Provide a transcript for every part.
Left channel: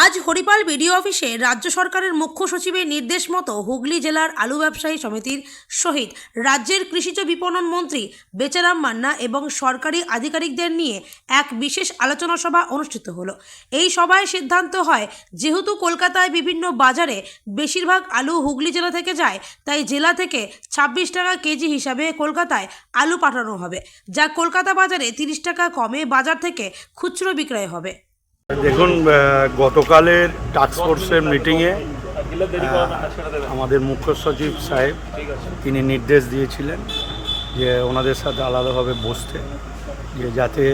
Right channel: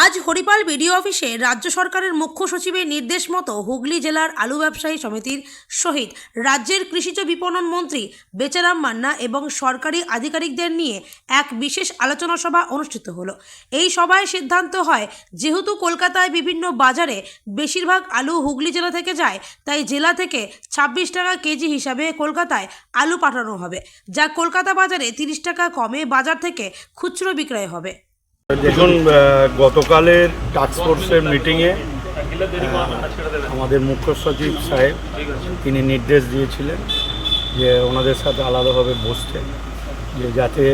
আজ হরিপাল বিডিও অফিসে রাজ্য সরকারের মুখ্য সচিবের নির্দেশ মতো হুগলি জেলার আলু ব্যবসায়ী সমিতির সহিত রাজ্যের কৃষিজ বিপণন মন্ত্রী বেচারাম মান্না এবং সরকারি আধিকারিকদের নিয়ে এক বিশেষ আলোচনা সভা অনুষ্ঠিত হলো। এই সভায় সিদ্ধান্ত হয়, যেহেতু কলকাতায় বিভিন্ন বাজারে বেশিরভাগ আলু হুগলি জেলা থেকে যায়, তাই জেলা থেকে 26 টাকা কেজি হিসাবে কলকাতায় আলু পাঠানো হবে, যা কলকাতা বাজারে 30 টাকা কমে বাজার থেকে খুচরো বিক্রয় হবে। দেখুন, গতকালের টাস্কফোর্সের মিটিংয়ে আমাদের মুখ্য সচিব সাহেব তিনি নির্দেশ দিয়েছিলেন যে ওনাদের সাথে আলাদাভাবে বসতে, যে যাতে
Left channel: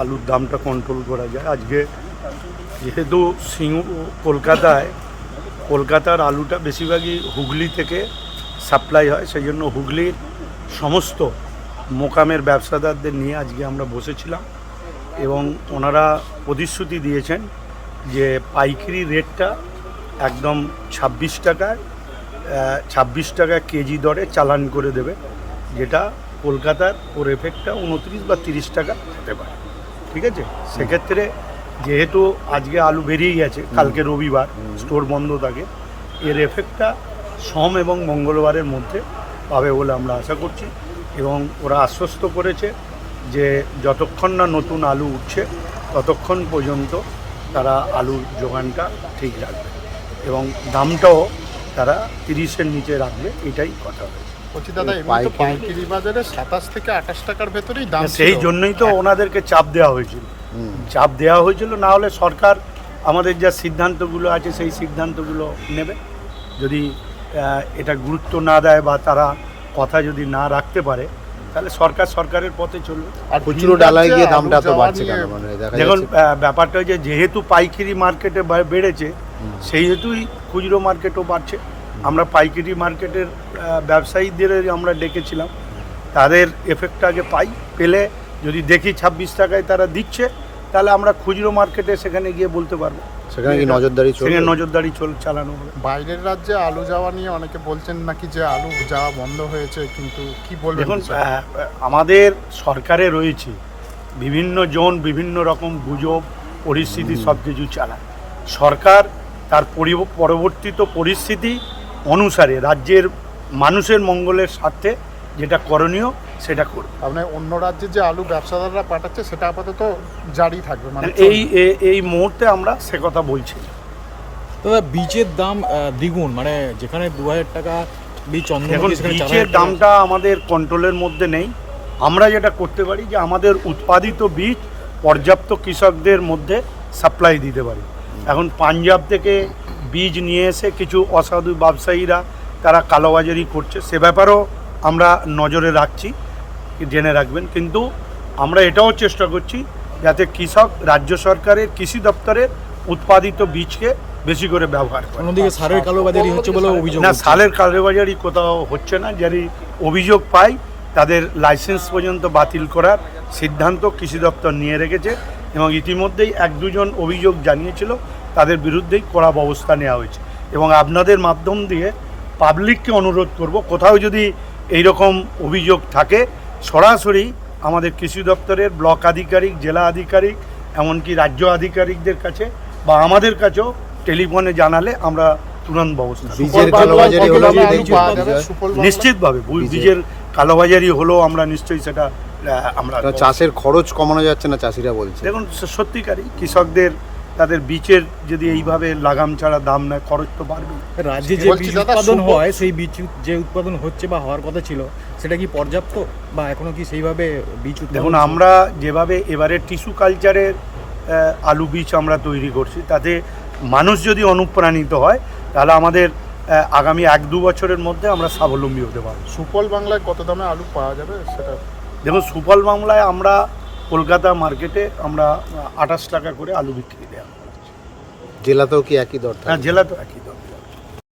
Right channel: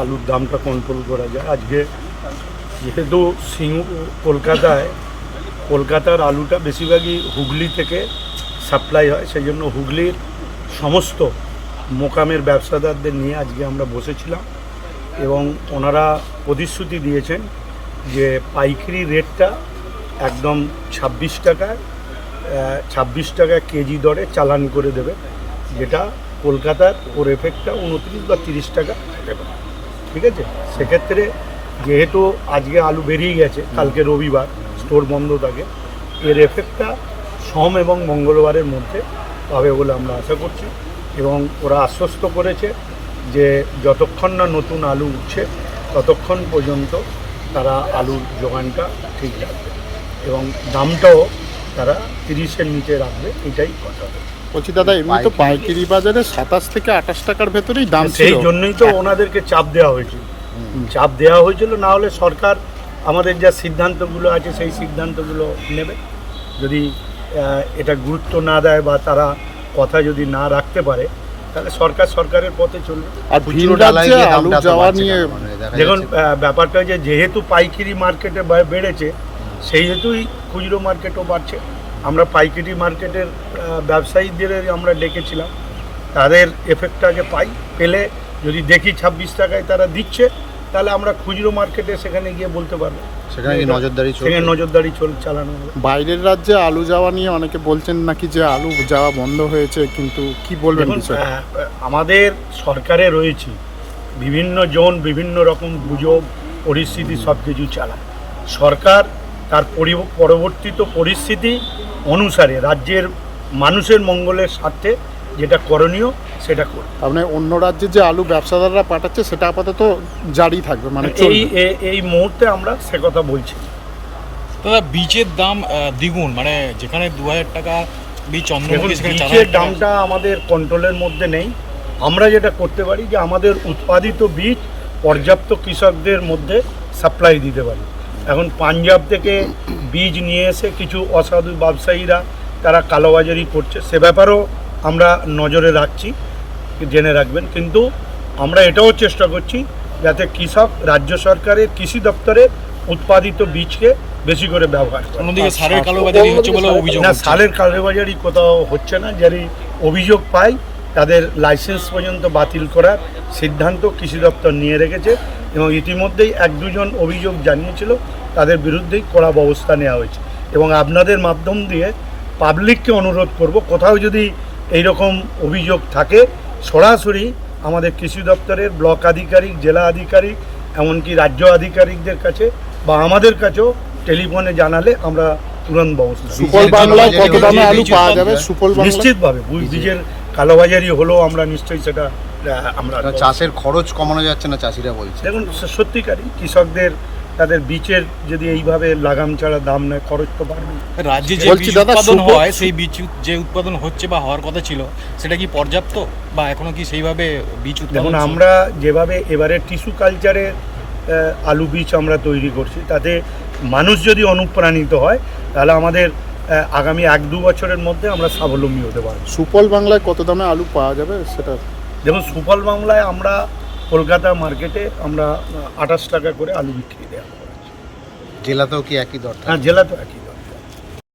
আলুর দামটা কন্ট্রোল করা যায়। আজকে যেহেতু কলকাতার আলুটা বেশিরভাগই হুগলি থেকে সাপ্লাই হয়, সেই জন্য হুগলির সমস্ত মোকামের ব্যবসাদারদের নিয়ে আজকে আমরা বসেছিলাম এবং ওনারা প্রতিশ্রুতি দিয়েছেন যে পাইকারি রেটটা একদম 26 টাকা কেজি দরে চালান করে দেবে, যেটা কলকাতার ওর এফেক্টটা 29 বা 30 টাকা হতে পারে। ঠিক আছে, সেক্ষেত্রে যেহেতু আজকে আলু বেরিয়ে গেছে, কালকে রবিবার স্টোর বন্ধ থাকে, এর এফেক্টটা সোম এবং মঙ্গলবারের মধ্যে পাবে বলে আমরা আশা করছি। এবং ওরা আশ্বস্ত করেছে যে যতক্ষণ না নতুন আলু উঠছে ততক্ষণ পর্যন্ত তারা আলুর যোগানটা ঠিক রাখবে এবং দামটাও তারা 30-এর নিচে রাখবে, এটাই কথা বলছি। দাদা, এমনি তো পাইকারি বাজারে 27 থেকে 28 টাকার ভেতরেই দাম, সেই জন্যই তো ওনাদেরকে চাপ দেওয়া হয়েছিল। না হলে সরকার আমাদের যা সিদ্ধান্তগুলো আছে সেই সিদ্ধান্তগুলো নেবে। যদি এটা গুরুত্ব না দেয় বা তারা কথা যদি না রাখতে পারে, তাহলে সরকারের পথে চলবে। আর দেখুন, ব্যাপারটা যে যেহেতু পাইকারি মার্কেটে বেড়েছে, সেই হেতুই খুচরো মার্কেটও বাড়ছে। আমরা পাইকারি মার্কেটের ব্যবসায়ীদের আমরা ডেকেছিলাম, তাদের এফেক্টটা আগে পেলে যদি দেখি 26 টাকায় তারা দিচ্ছে, তাহলে আমরা খুচরো মার্কেটে সেখানে গিয়ে বলতে পারবো, সেখানে নজরদারি চালানো হবে। বাইরের রাজ্যে আলু যাওয়া নিয়ে অনেকে বলছেন নাকি যে আলু যাওয়া বন্ধ হয়েছে, কিন্তু কি বলবেন? আমাদের সরকারে রয়েছে বিভিন্ন জন বিভিন্ন রকম গুজব পরিস্থিতি সব কিছু চালায়। সরকার তার পরবর্তীত পরিস্থিতি অনুসারে রাজ্যের মানুষের মঙ্গলের স্বার্থে যেটা করণীয় সেটা করবে। মানে অন্য রাজ্যে যে আলু ব্যবসাদাররা পাঠাচ্ছে সেটা আপাতত জারি থাকবে, মানে এই মুহূর্তে আমরা সে কথা বলছি। দাদা, বীজের দাম দ্বিগুণ, মানে যেখানে 2000 টাকা বীজ বীজের দামটা আমাদের কন্ট্রোলের মধ্যে নেই। আমরা যেটা করতে পারি যে আমাদের উৎপাদিত বীজ পর্যাপ্ত কৃষকদের মধ্যে সাপ্লাই দিতে পারি। এখন পাঞ্জাব থেকে বীজ নিয়ে এসে কিছু অসাধু ব্যবসায়ীরা তারা কালোবাজারি করছে, সে ব্যাপারেও আমরা নজরে রাখছি, জেনে রাখবেন। কিন্তু আমরা এটাও চেষ্টা করছি যাতে কৃষক রাজ্য সরকারের কৃষি দপ্তরের উৎপাদিত বীজকে বেশি করে ব্যবহার করে। অন্যদিকে সারের কালোবাজারি হচ্ছে বলে অভিযোগ। না, সারের কালোবাজারি কোথাও হচ্ছে না। যারা অভিযোগ পায় তাদের লাইসেন্স পর্যন্ত বাতিল করার সিদ্ধান্ত কৃষি দপ্তর নিয়ে রেখেছে এবং ইতিমধ্যেই 1-2 জন অভিযোগ জানিয়েছিল, তাদের বিরুদ্ধেই কড়া ব্যবস্থা নেওয়া হয়েছে। এবং আপনাদের মাধ্যম দিয়ে পাবলিককে অনুরোধ করব, কোথাও যদি এইরকম অভিযোগ থাকে সরাসরি আমাদের কৃষি দপ্তরের ব্লক আধিকারিক, জেলা আধিকারিক, এমনকি রাজ্য আধিকারিকদের কাছে বা আমাদের কাছেও টেলিফোনে জানালে আমরা তুরন্ত ব্যবস্থা নিশ্চিতভাবে। বীজের কালোবাজারি হলেও আমরা নিশ্চয়ই সেটা আমরা চাষের খরচ কমানো যাচ্ছে না, চাষিরা বলছে। দেখুন, সত্যিকারই কৃষকদের তাদের বীজের যদি এইভাবে লাগাম ছাড়া দাম নেয়, খরচ তো বাড়বে। রাজ্যে যে বীজ উৎপাদন হয়, সেই বীজ যে উৎপাদন হচ্ছে বা হওয়ার কথা ছিল, সেটা কি পর্যাপ্ত বা এখনো কি সেইভাবে বীজ উৎপাদন? দেখুন, আমরা যেভাবে এবারে টিস্যু কালচারের আলু বীজ আমরা তৈরি করছি, তাতে মানুষ যদি অনুপ্রাণিত হয়, তাহলে আমাদের আগামী 1-2 বছরের মধ্যে আমরা স্বাবলম্বী হতে পারব। সুফল বাংলায় কত দামে আলু পাওয়া যাবে সেটা? দেখুন, সুফল বাংলায় আমরা কলকাতা মার্কেটে আমরা 28 টাকা করে আলু বিক্রি দেওয়া করা। জেলাতেও কি একই দর? হ্যাঁ, জেলাতেও একই দর।